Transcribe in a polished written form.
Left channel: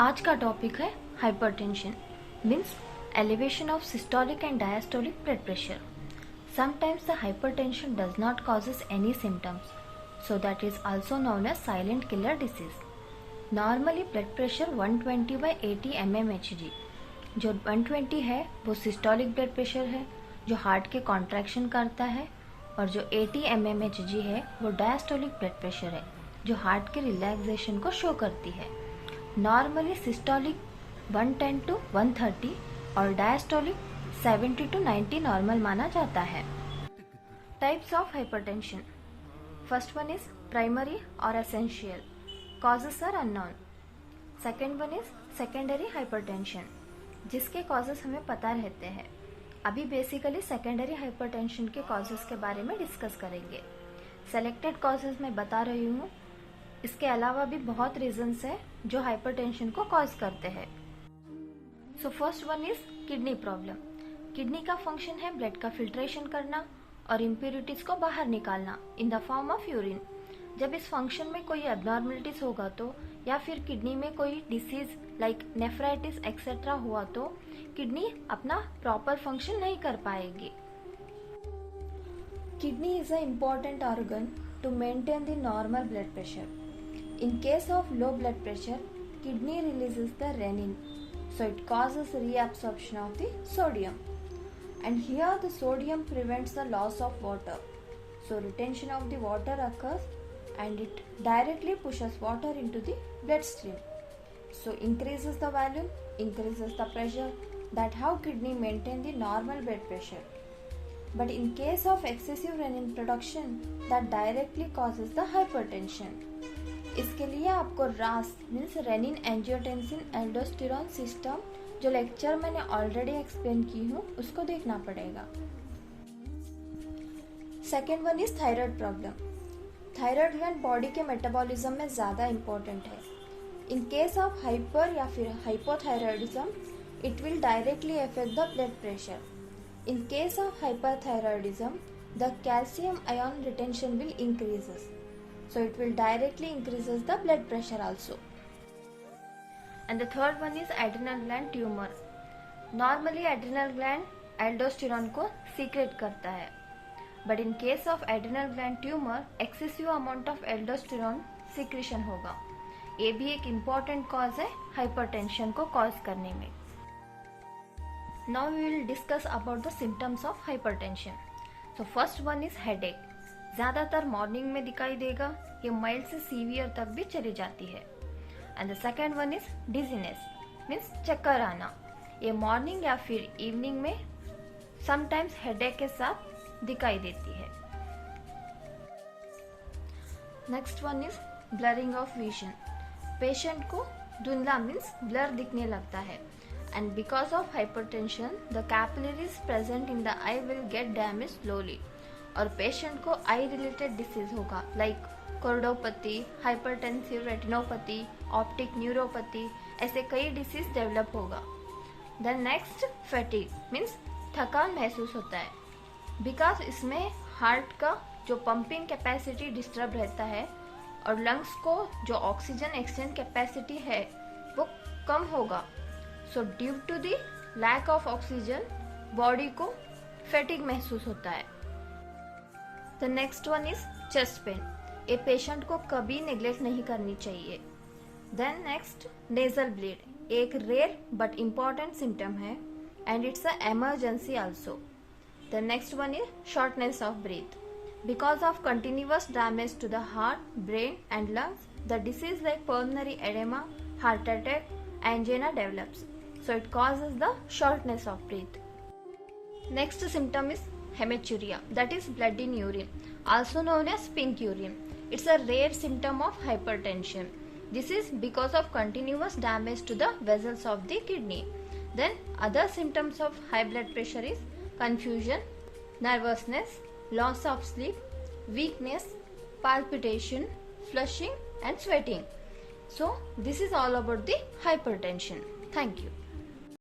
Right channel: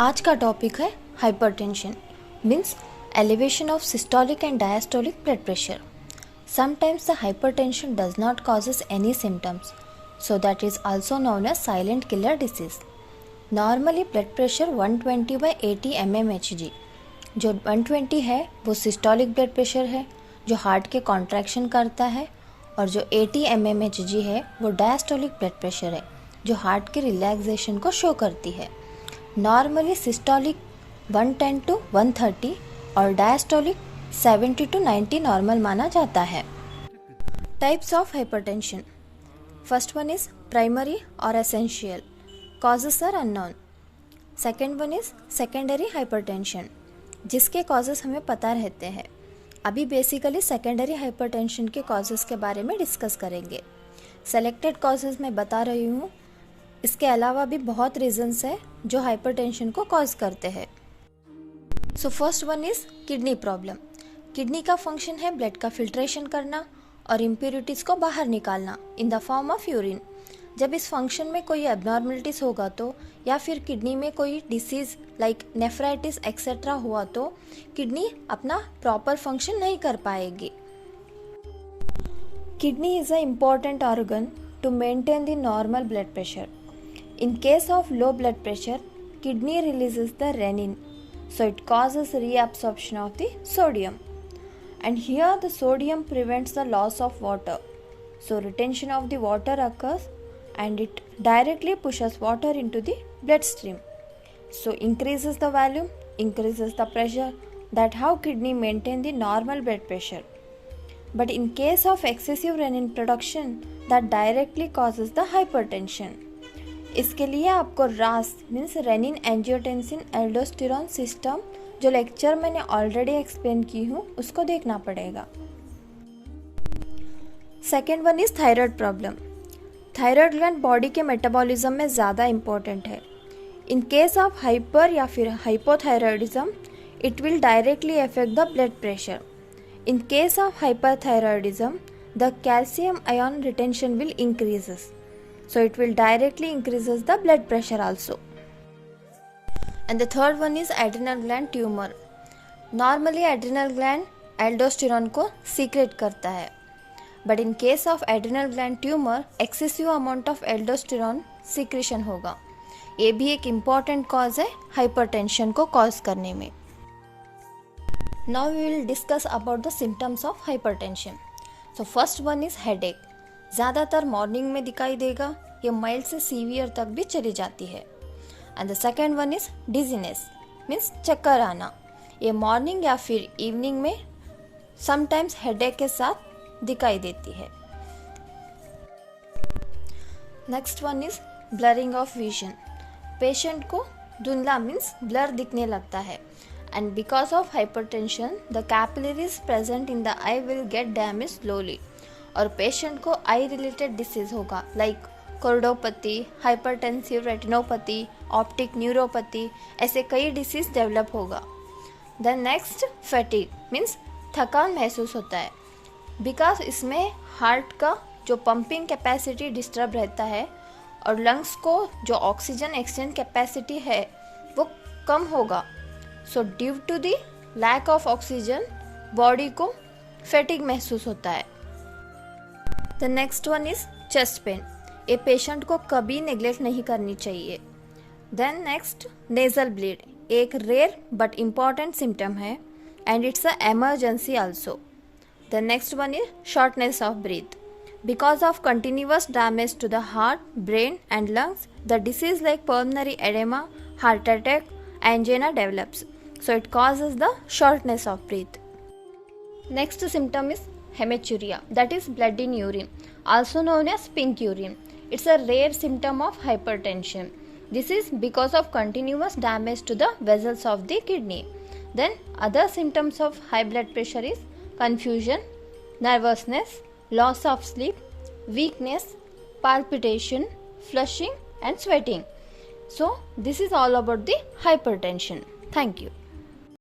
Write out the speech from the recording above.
आज का टॉपिक है hypertension means elevation of systolic and diastolic blood pressure. Sometimes the hypertension does not causes any symptoms, so that is also known as silent killer disease. Normally blood pressure 120 by 80 mmHg. जो 120 है वो systolic blood pressure है जो heart के contraction करता है, और जो 80 mmHg है वो डायस्टोलिक ब्लड प्रेशर है जो हार्ट के रिलैक्सेशन को शो करती है. नॉर्मली सिस्टोलिक 110 to 130 और डायस्टोलिक 70 to 90 नॉर्मल माना जाता है. Types of hypertension. First one is primary और essential, causes are unknown. Second one is secondary hypertension, जिसके कॉजेस हमें पता रहते हैं. अभी बेसिकली सेकेंडरी हाइपरटेंशन के कॉजेस के बारे में डिस्कस करेंगे. सेलेक्टेड कॉजेस मैं बता रही हूँ, इसके अलावा भी बहुत रीजंस है जो हाइपरटेंशन को कॉज करते हैं. So first one is kidney problem. Kidney का फंक्शन है ब्लड का फिल्ट्रेशन करना और इम्प्योरिटीज़ को बाहर निकालना in the form of urine. जब इस फंक्शन में कोई एबनॉर्मलिटीज़ होगा तो, या फिर किडनी में कोई डिसीज़ लाइक नेफ्राइटिस एक्सेट्रा हुआ तो किडनी अपना प्रॉपर फंक्शन नहीं कर पाएगी. Kidney is a important organ to maintain the normal blood pressure. In case of low blood pressure, kidney releases the renin, so it causes reabsorption of the sodium. And here the sodium prevents the loss of water, so retention of the water occurs and it directly pushes water into the bloodstream. So increases the volume, increases the pressure. That how kidney maintain the normal blood pressure. But in case of excessive renin production, that directly causes the hypertension. इसके लिए आपको रास means renin angiotensin aldosterone system, जो lecture मैंने already explain की हूँ, उसको देखना पड़ेगा. Second one is thyroid problem. Thyroid gland body के मेटाबॉलिज्म में ज़्यादा इम्पोर्टेंट है. इन केस ऑफ हाइपर या फिर hypothyroidism, it will directly affect the blood pressure. In case of hyperthyroidism, the calcium ion retention will increases. So it will directly increases the blood pressure also. And the third one is adrenal gland tumor. Normally adrenal gland aldosterone को secrete करता है, but in case of adrenal gland tumor excessive amount of aldosterone secretion होगा. ये भी एक important cause है hypertension को cause करने में. Now we will discuss about the symptoms of hypertension. So first one is headache. ज़्यादातर मॉर्निंग में दिखाई देगा, ये माइल्ड से सीवियर तक भी चली जाती है. And the second one is dizziness means चक्कर आना. ये मॉर्निंग या फिर इवनिंग में समटाइम्स हेडेक के साथ दिखाई देती है. Next one is blurring of vision. Patient को धुंधला मीन्स ब्लर दिखने लगता है. And because of hypertension the capillaries present in the eye will get damage slowly. और पेशेंट को आई रिलेटेड डिसीज होगा like choroidopathy, hypertensive retinopathy, optic neuropathy, ऐसे कई डिसीज डेवलप होगा. देन नेक्स्ट फैटिग मीन्स थकान महसूस होता है, बिकॉज इसमें हार्ट का जो पंपिंग कैपेसिटी डिस्टर्ब रहता है और लंग्स को जो ऑक्सीजन एक्सचेंज कैपेसिटी है वो कम होगा. So due to the lack of oxygen body को फैटिग महसूस होता है. The next one is chest pain. ये पेशेंट को कभी नेग्लेक्ट नहीं करनी चाहिए. देन नेक्स्ट नेजल ब्लीड, एक रेयर बट इम्पॉर्टेंट सिम्टम है and it's a emergency also. The next one is shortness of breath. Because of continuous damage to the heart, brain and lungs, the disease like pulmonary oedema, heart attack, angina develops. So it causes the shortness of breath. Next symptom is hematuria, that is blood in urine, also known as pink urine. It's a rare symptom of hypertension. This is because of continuous damage to the vessels of the kidney. Then other symptoms of high blood pressure is confusion, nervousness, loss of sleep, weakness, palpitation, flushing and sweating. So this is all about the hypertension. Thank you.